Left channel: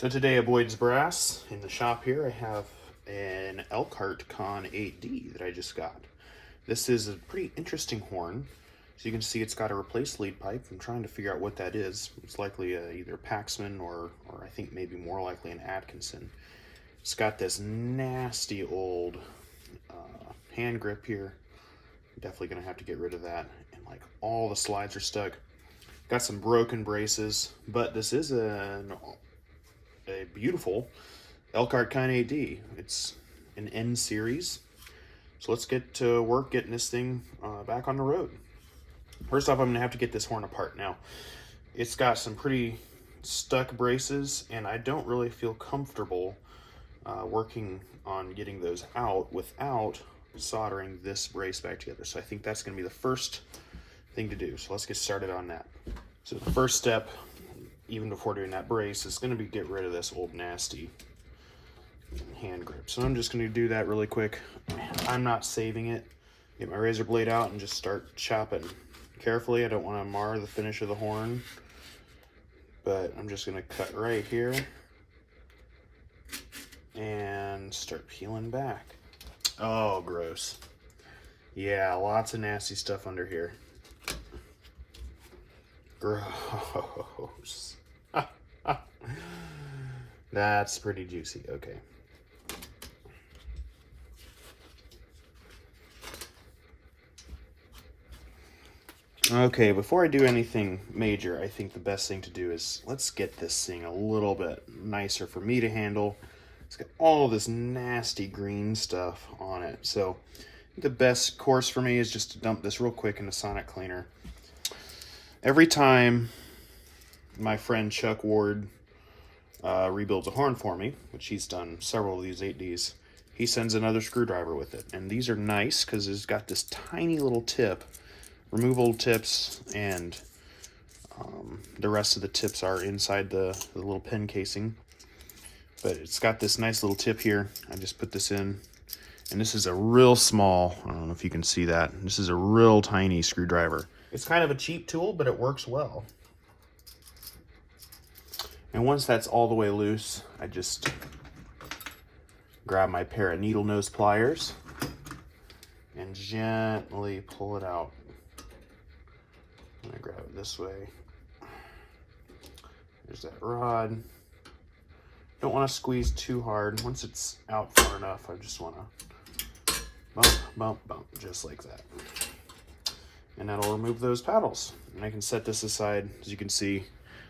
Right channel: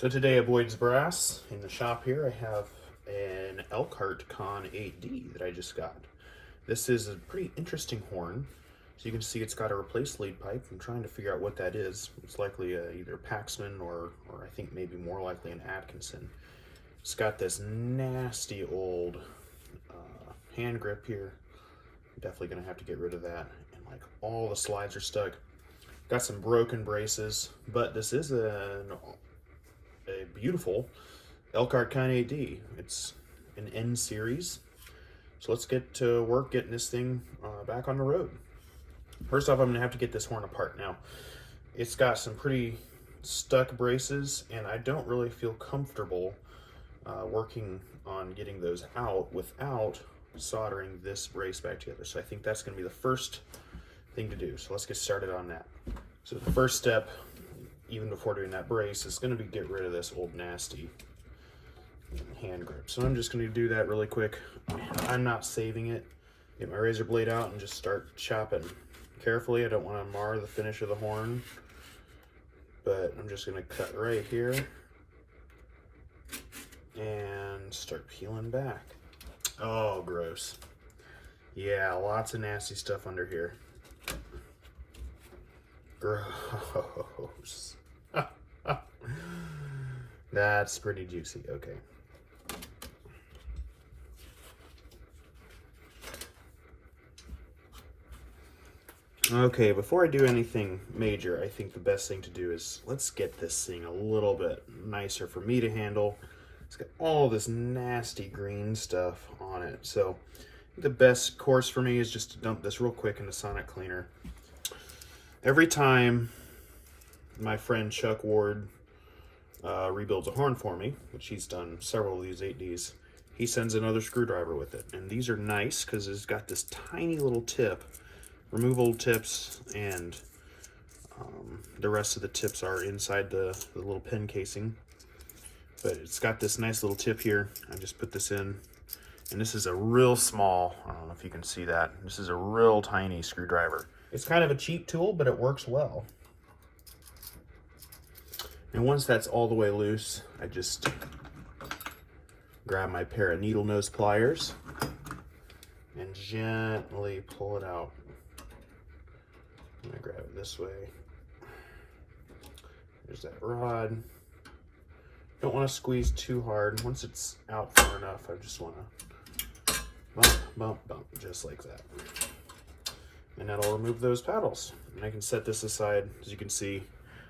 So today at Boyd's Brass, in the shop here, I have an Elkhart Conn 8D that I just got. This is a pretty interesting horn. So you can see it's got a replaced lead pipe. I'm trying to figure out what that is. It's likely either Paxman or I think maybe more likely an Atkinson. It's got this nasty old hand grip here. I'm definitely gonna have to get rid of that. And like all the slides are stuck. Got some broken braces, but this is a beautiful Elkhart Conn 8D. It's an N series. So let's get to work getting this thing back on the road. First off, I'm gonna have to get this horn apart. Now, it's got some pretty stuck braces, and I don't really feel comfortable working on getting those out without soldering this brace back together. So I think that's gonna be the first thing to do. So let's get started on that. So the first step, even before doing that brace, is gonna be get rid of this old nasty hand grip. So I'm just gonna do that really quick. I'm not saving it. Get my razor blade out and just start chopping carefully. I don't want to mar the finish of the horn, but I'm just gonna cut right here and start peeling back. Oh, gross. Yeah, lots of nasty stuff under here. Gross. That's pretty juicy. Okay. Okay, before I do anything major, I think the best thing to do is let's get this thing a little bit nicer for me to handle. It's got all this nasty green stuff on it. So the best course for me is just to dump this real quick into Sonic Cleaner. Every time my friend Chuck Ward rebuilds a horn for me, which he's done several of these 8Ds, he sends another screwdriver with it. And these are nice because it's got this tiny little tip. Remove old tips, and the rest of the tips are inside the little pen casing. But it's got this nice little tip here. I just put this in, and this is a real small, I don't know if you can see that, this is a real tiny screwdriver. It's kind of a cheap tool, but it works well. And once that's all the way loose, I just grab my pair of needle nose pliers and gently pull it out. I'm gonna grab it this way. There's that rod. Don't want to squeeze too hard. Once it's out far enough, I just want to bump, bump, bump, just like that. And that'll remove those paddles. And I can set this aside. As you can see,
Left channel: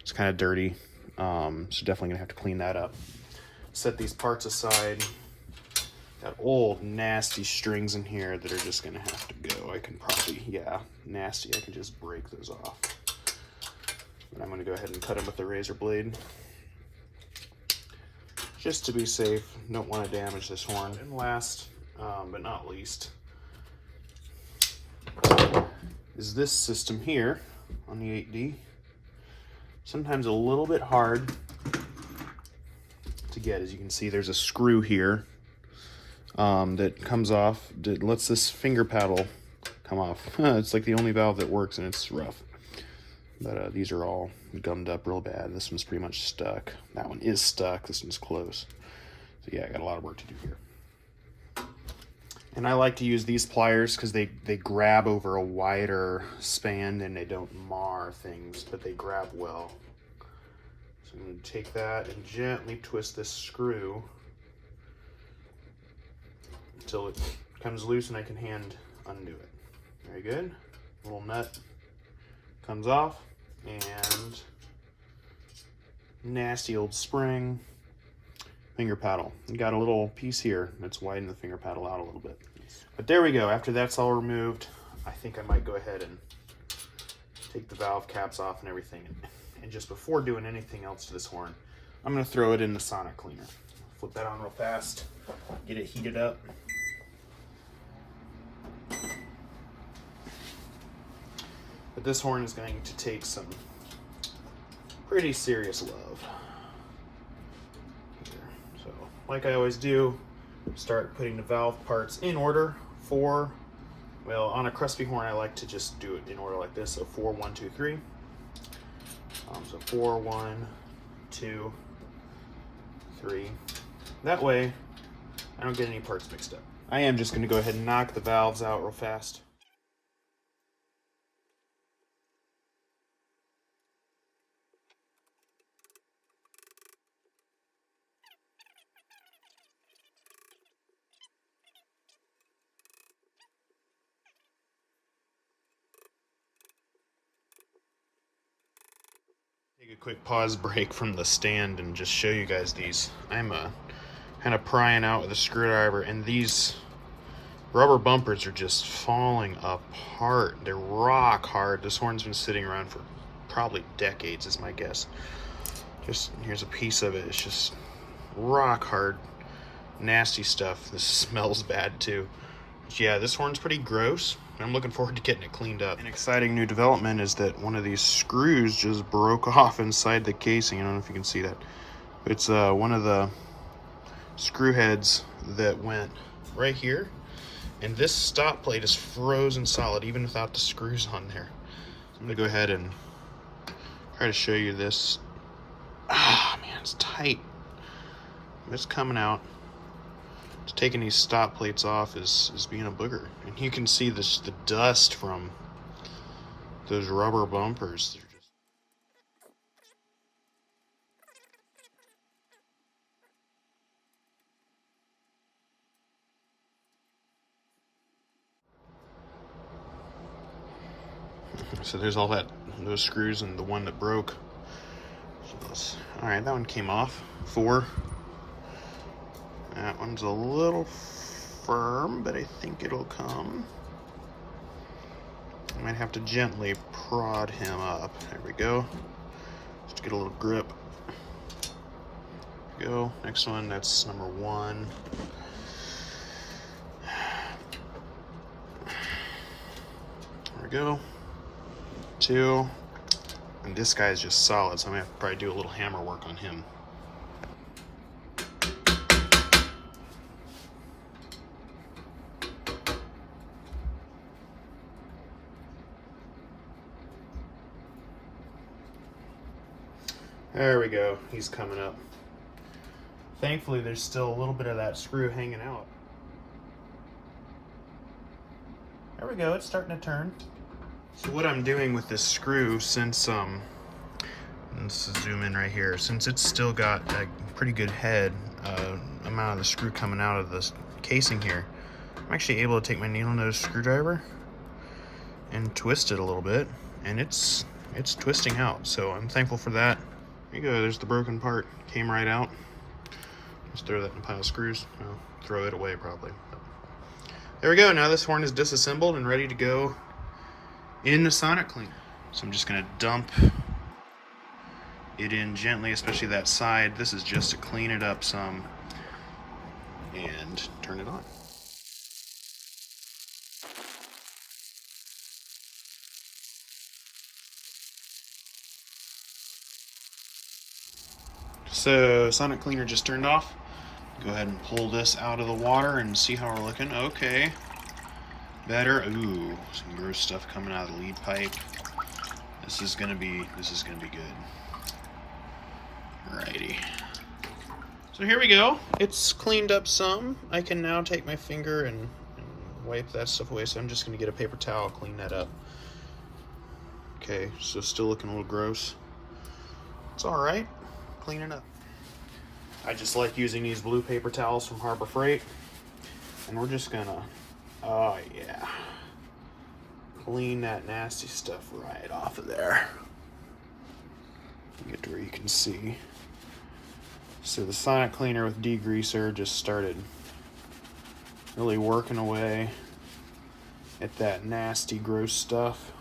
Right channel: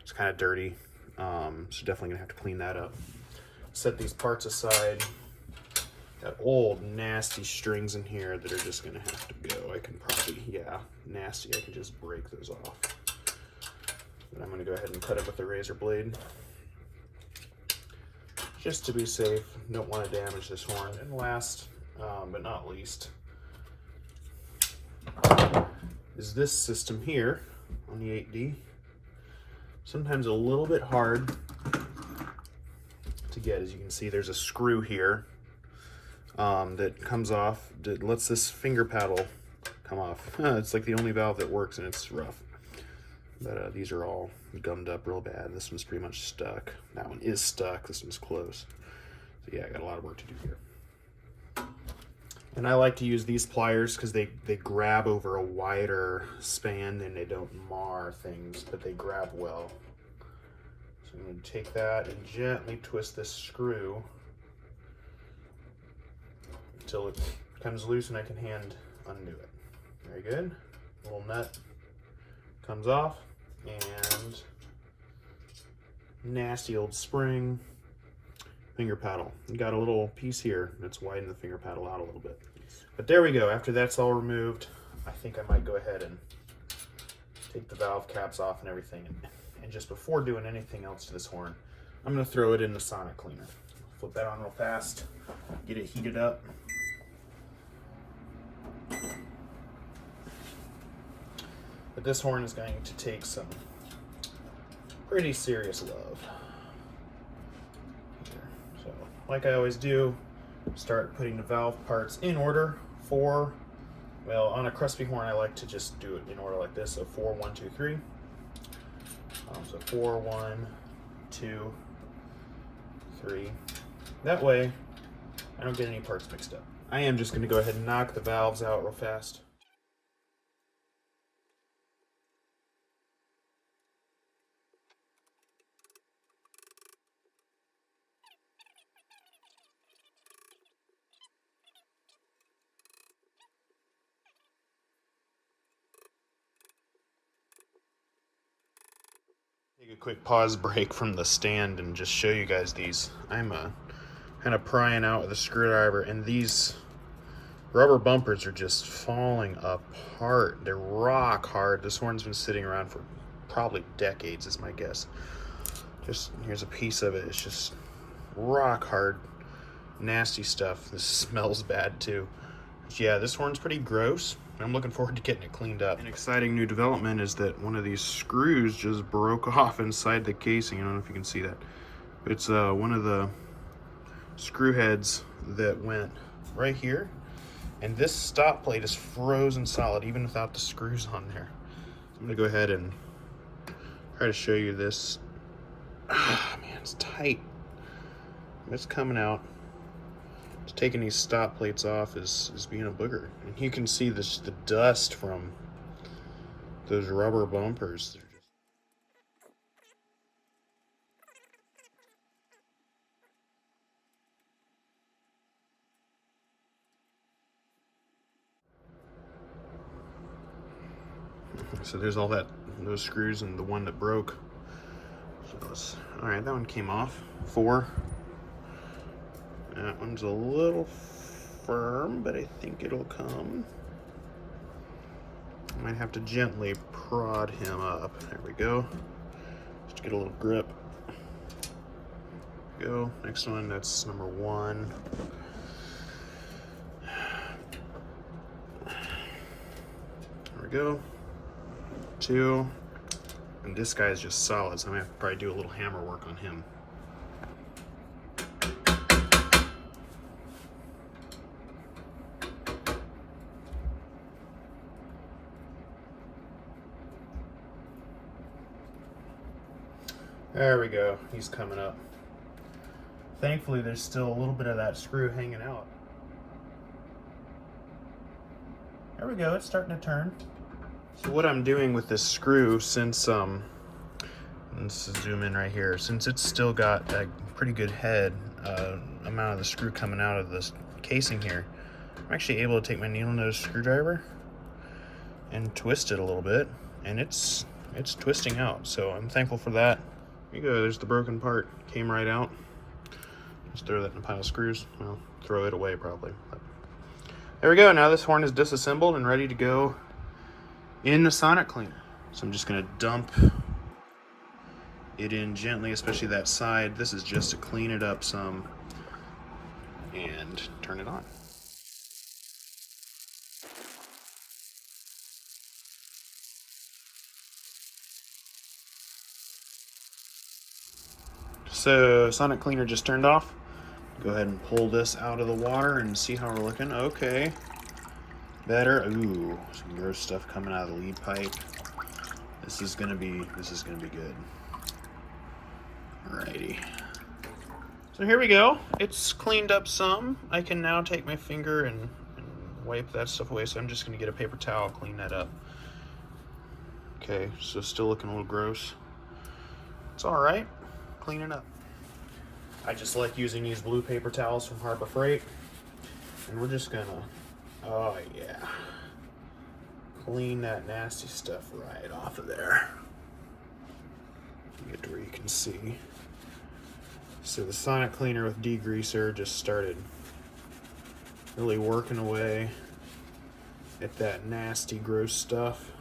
it's kind of dirty. So definitely gonna have to clean that up. Set these parts aside. Got old nasty strings in here that are just gonna have to go. I can probably, yeah, nasty. I can just break those off. And I'm gonna go ahead and cut them with the razor blade. Just to be safe, don't want to damage this horn. And last, but not least, is this system here on the 8D. Sometimes a little bit hard to get. As you can see, there's a screw here that comes off, that lets this finger paddle come off. It's like the only valve that works, and it's rough. But these are all gummed up real bad. This one's pretty much stuck. That one is stuck. This one's close. So yeah, I got a lot of work to do here. And I like to use these pliers because they grab over a wider span and they don't mar things, but they grab well. So I'm going to take that and gently twist this screw until it comes loose and I can hand undo it. Very good. Little nut comes off, and nasty old spring, finger paddle. You got a little piece here that's widened the finger paddle out a little bit. But there we go. After that's all removed, I think I might go ahead and take the valve caps off and everything. And just before doing anything else to this horn, I'm going to throw it in the Sonic Cleaner. Flip that on real fast, get it heated up. But this horn is going to take some pretty serious love. So, like I always do, start putting the valve parts in order. Well, on a Crespy horn, I like to just do it in order like this. So 4, 1, 2, 3. So 4, 1, 2, 3. That way, I don't get any parts mixed up. I am just going to go ahead and knock the valves out real fast. Take a quick pause break from the stand and just show you guys these. I'm kind of prying out with a screwdriver, and these rubber bumpers are just falling apart. They're rock hard. This horn's been sitting around for probably decades is my guess. Just here's a piece of it. It's just rock hard, nasty stuff. This smells bad too. But yeah, this horn's pretty gross. I'm looking forward to getting it cleaned up. An exciting new development is that one of these screws just broke off inside the casing. I don't know if you can see that. It's one of the screw heads that went right here, and this stop plate is frozen solid even without the screws on there. So I'm gonna go ahead and try to show you this. Ah, man, it's tight. It's coming out. Just taking these stop plates off is being a booger. And you can see the dust from those rubber bumpers. They're just... So there's all those screws and the one that broke. So all right, that one came off. 4. That one's a little firm, but I think it'll come. I might have to gently prod him up. There we go. Just to get a little grip. There we go. Next one, that's number 1. There we go. 2. And this guy's just solid, so I'm gonna have to probably do a little hammer work on him. There we go, he's coming up. Thankfully, there's still a little bit of that screw hanging out. There we go, it's starting to turn. So what I'm doing with this screw, since, let's zoom in right here, since it's still got that pretty good head, amount of the screw coming out of this casing here, I'm actually able to take my needle nose screwdriver and twist it a little bit, and it's twisting out, so I'm thankful for that. There you go, there's the broken part, came right out. Just throw that in a pile of screws. Well, throw it away probably. But there we go, now this horn is disassembled and ready to go in the sonic cleaner. So I'm just gonna dump it in gently, especially that side. This is just to clean it up some and turn it on. So sonic cleaner just turned off. Go ahead and pull this out of the water and see how we're looking. Okay, better. Ooh, some gross stuff coming out of the lead pipe. This is gonna be good. Alrighty. So here we go. It's cleaned up some. I can now take my finger and wipe that stuff away. So I'm just gonna get a paper towel, clean that up. Okay, so still looking a little gross. It's all right. Cleaning up. I just like using these blue paper towels from Harbor Freight, and we're just gonna, oh yeah, clean that nasty stuff right off of there. Get to where you can see. So the sonic cleaner with degreaser just started really working away at that nasty, gross stuff,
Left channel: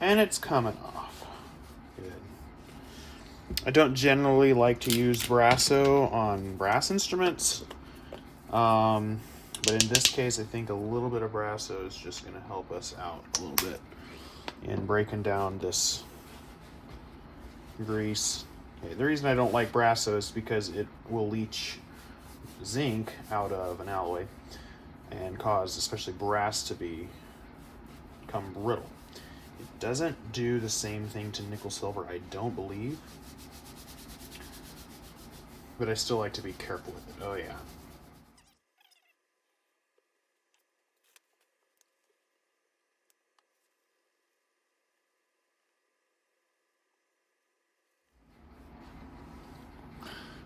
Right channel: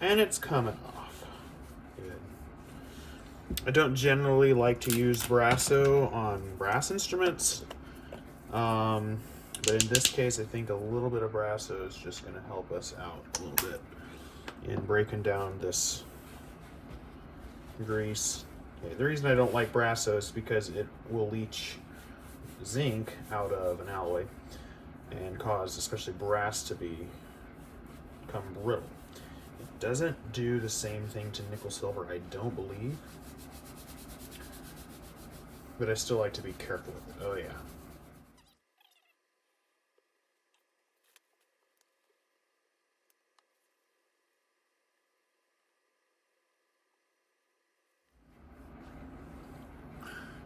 and it's coming off. Good. I don't generally like to use Brasso on brass instruments, but in this case I think a little bit of Brasso is just going to help us out a little bit in breaking down this grease. Okay, the reason I don't like Brasso is because it will leach zinc out of an alloy and cause especially brass to become brittle. It doesn't do the same thing to nickel silver, I don't believe. but I still like to be careful with it. Oh yeah.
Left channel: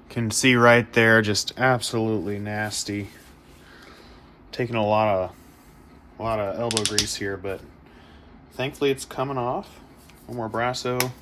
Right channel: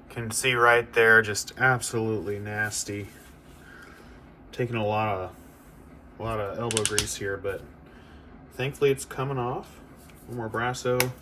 Can see right there, just absolutely nasty. Taking a lot of elbow grease here, but thankfully it's coming off. One more brasso.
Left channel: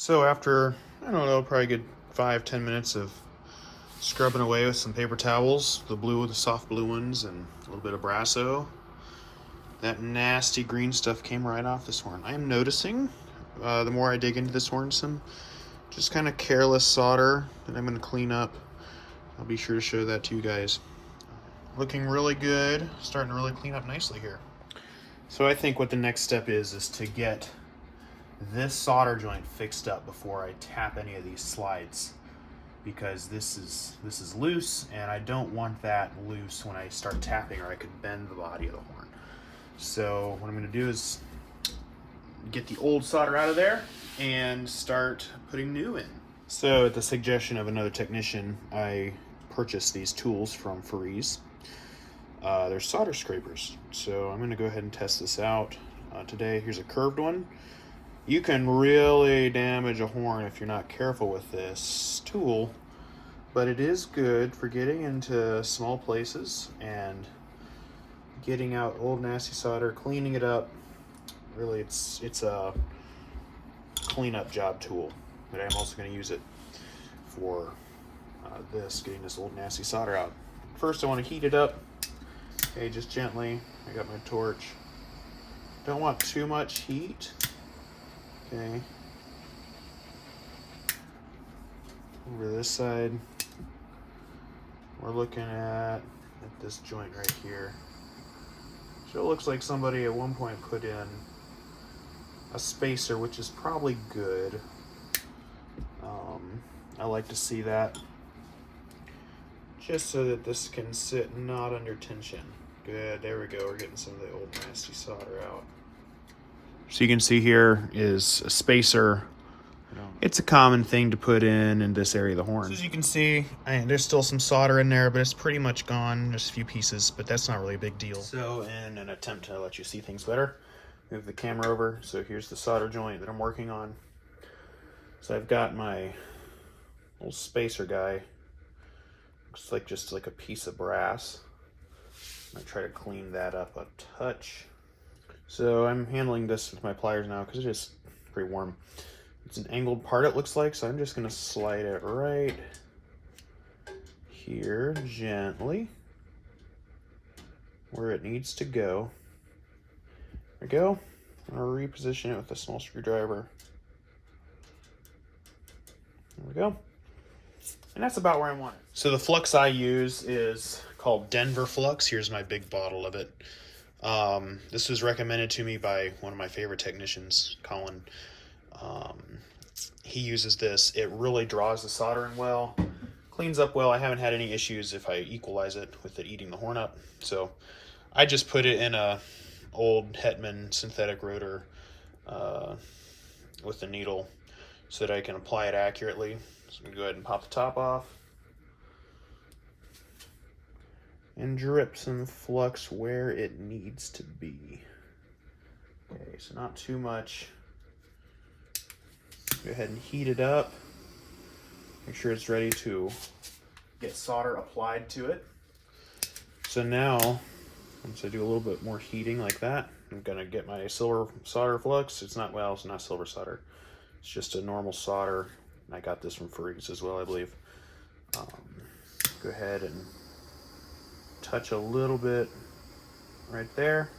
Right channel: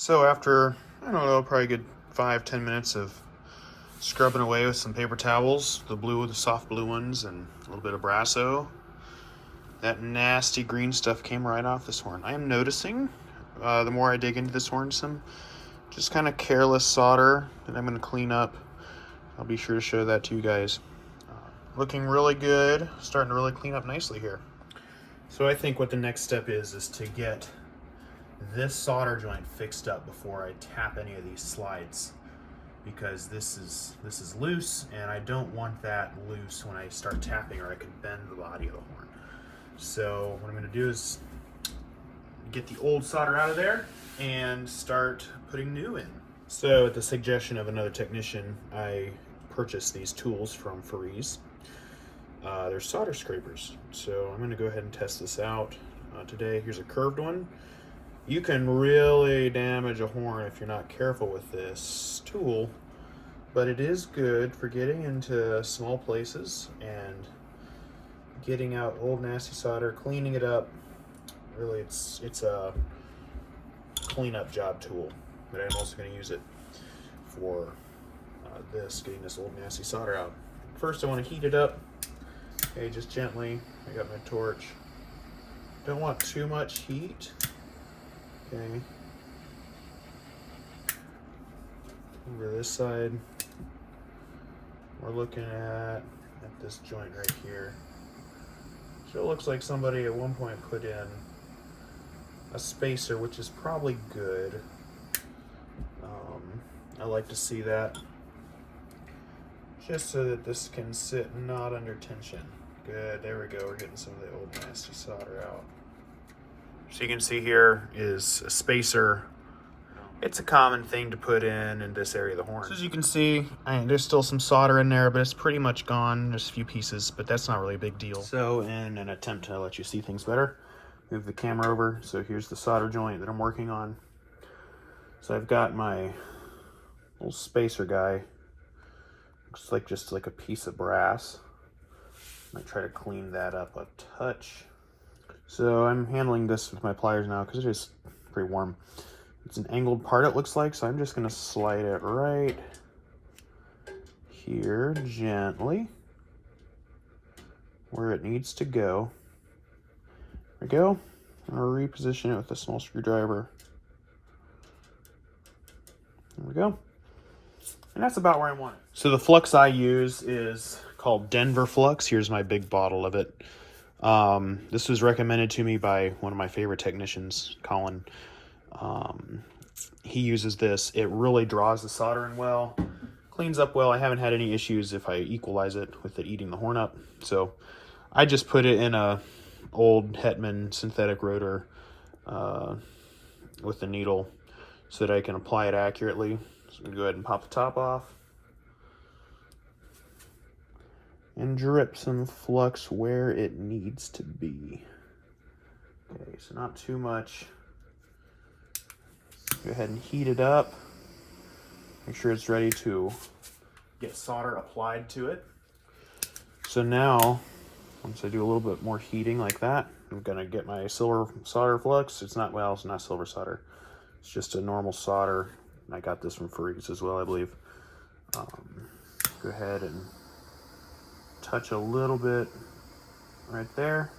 So after, I don't know, probably a good 5-10 minutes of scrubbing away with some paper towels, the soft blue ones, and a little bit of brasso, that nasty green stuff came right off this horn. I am noticing, the more I dig into this horn, some just kind of careless solder that I'm going to clean up. I'll be sure to show that to you guys. Looking really good, starting to really clean up nicely here. So I think what the next step is to get this solder joint fixed up before I tap any of these slides, because this is loose and I don't want that loose when I start tapping, or I could bend the body of the horn. So what I'm going to do is get the old solder out of there and start putting new in. So at the suggestion of another technician, I purchased these tools from Farees. They're solder scrapers. So I'm going to go ahead and test this out today. Here's a curved one. You can really damage a horn if you're not careful with this tool, but it is good for getting into small places and getting out old nasty solder, cleaning it up. Really, it's a cleanup job tool, but I'm also going to use it for getting this old nasty solder out. First, I want to heat it up. Okay, just gently. I got my torch. Don't want too much heat. Okay. Over this side, we're looking at this joint right here. So it looks like somebody at one point put in a spacer, which is probably good. I like to see that, just so that this can sit not under tension. Good, there we go, we're getting some of the old nasty solder out. So you can see here is a spacer. It's a common thing to put in this area of the horn. So as you can see, there's still some solder in there, but it's pretty much gone. There's a few pieces, but that's not really a big deal. So in an attempt to let you see things better, move the camera over. So here's the solder joint that I'm working on. So I've got my little spacer guy. Looks like just like a piece of brass. I might try to clean that up a touch. So I'm handling this with my pliers now because it is pretty warm. It's an angled part, it looks like, so I'm just going to slide it right here gently where it needs to go. There we go. I'm going to reposition it with a small screwdriver. There we go. And that's about where I want it. So the flux I use is called Denver Flux. Here's my big bottle of it. This was recommended to me by one of my favorite technicians, Conn. He uses this. It really draws the solder in well, cleans up well. I haven't had any issues if I equalize it with it eating the horn up. So I just put it in a old Hetman synthetic rotor with the needle so that I can apply it accurately. So I'm going to go ahead and pop the top off and drip some flux where it needs to be. Okay, so not too much. Go ahead and heat it up. Make sure it's ready to get solder applied to it. So now, once I do a little bit more heating like that, I'm gonna get my silver solder flux. It's not, well, it's not silver solder. It's just a normal solder. I got this from Freaks as well, I believe. Go ahead and touch a little bit right there.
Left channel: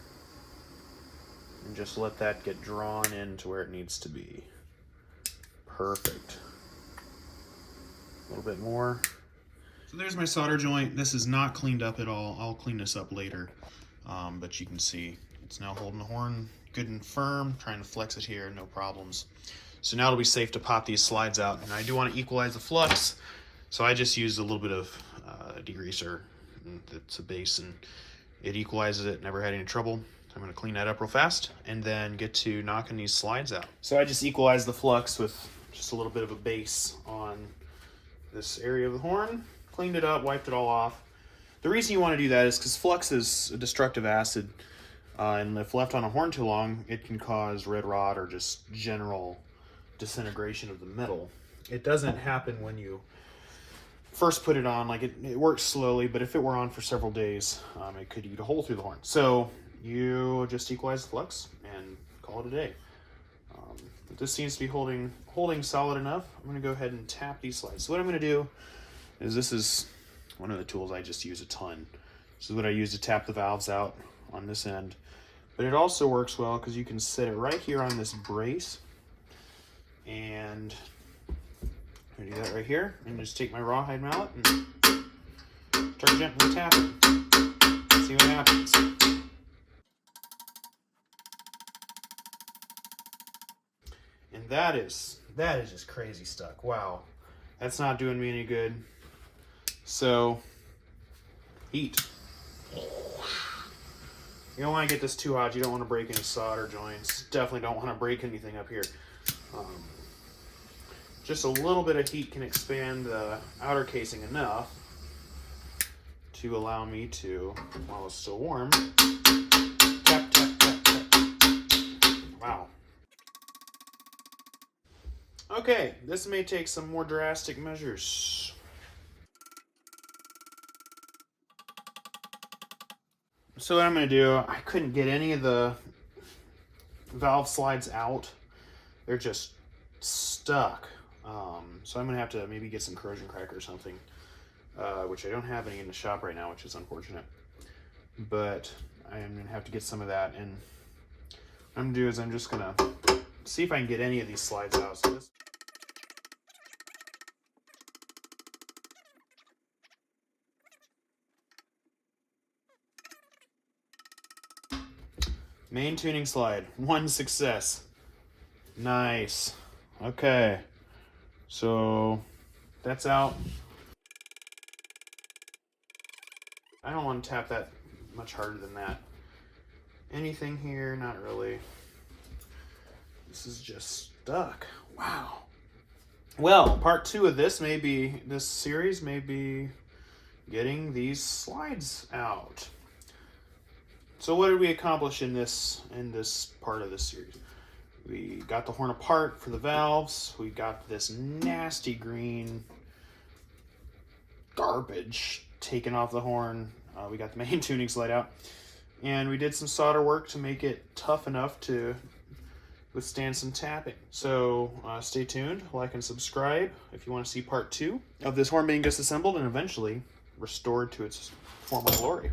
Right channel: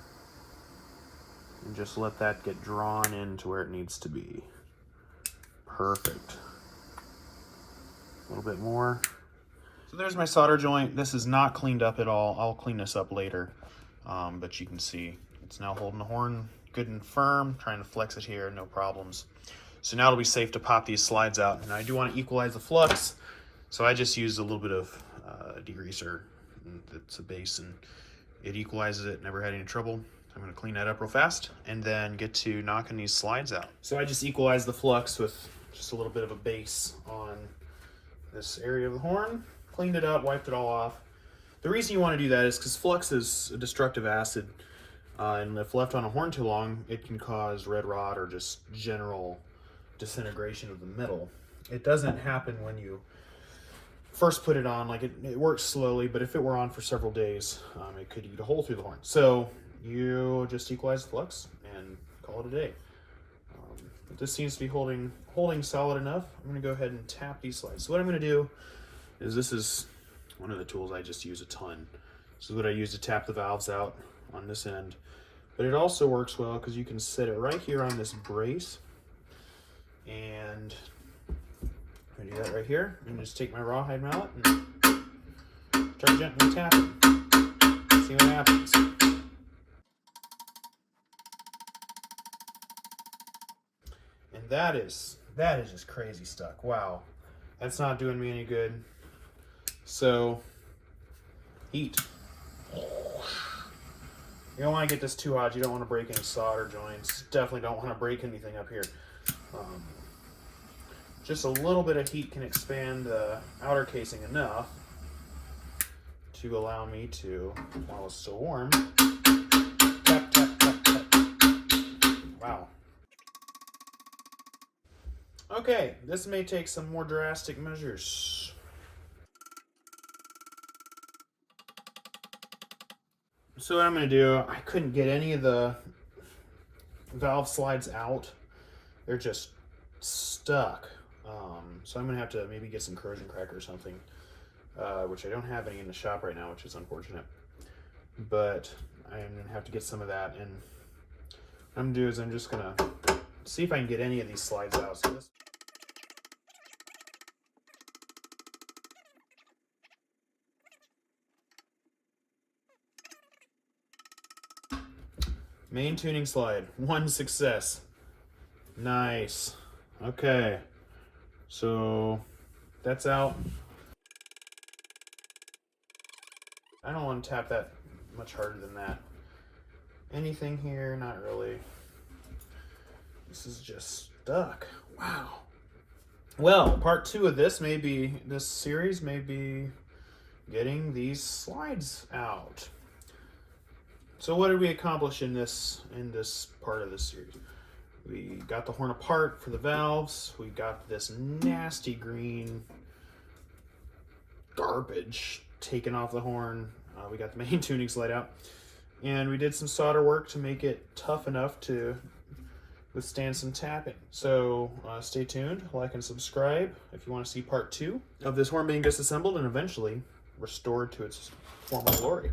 And just let that get drawn into where it needs to be. Perfect. A little bit more. So there's my solder joint. This is not cleaned up at all. I'll clean this up later. But you can see it's now holding the horn good and firm. Trying to flex it here, no problems. So now it'll be safe to pop these slides out. And I do want to equalize the flux. So I just used a little bit of degreaser. It's a base and it equalizes it. Never had any trouble. I'm going to clean that up real fast and then get to knocking these slides out. So I just equalized the flux with just a little bit of a base on this area of the horn. Cleaned it up, wiped it all off. The reason you want to do that is because flux is a destructive acid, and if left on a horn too long, it can cause red rot or just general disintegration of the metal. It doesn't happen when you first put it on. Like it works slowly, but if it were on for several days, it could eat a hole through the horn. So you just equalize the flux and call it a day. This seems to be holding solid enough. I'm going to go ahead and tap these slides. So what I'm going to do is, this is one of the tools I just use a ton. This is what I use to tap the valves out on this end. But it also works well because you can set it right here on this brace. And I'm going to do that right here. And just take my rawhide mallet and start gently tapping. See what happens. And that is just crazy stuck. Wow. That's not doing me any good. So, heat. You don't want to get this too hot. You don't want to break any solder joints. Definitely don't want to break anything up here. Just a little bit of heat can expand the outer casing enough to allow me to, while it's still warm, tap, tap, tap, tap. Wow. Okay, this may take some more drastic measures. So what I'm going to do, I couldn't get any of the valve slides out. They're just stuck. So I'm going to have to maybe get some corrosion cracker or something, which I don't have any in the shop right now, which is unfortunate. But I'm going to have to get some of that. And what I'm going to do is I'm just going to see if I can get any of these slides out. So this main tuning slide, one success. Nice. Okay, so that's out. I don't want to tap that much harder than that. Anything here? Not really. This is just stuck. Wow. Well, part 2 of this series may be getting these slides out. So what did we accomplish in this part of this series? We got the horn apart for the valves. We got this nasty green garbage taken off the horn. We got the main tuning slide out. And we did some solder work to make it tough enough to withstand some tapping. So stay tuned, like and subscribe if you want to see part 2 of this horn being disassembled and eventually restored to its former glory.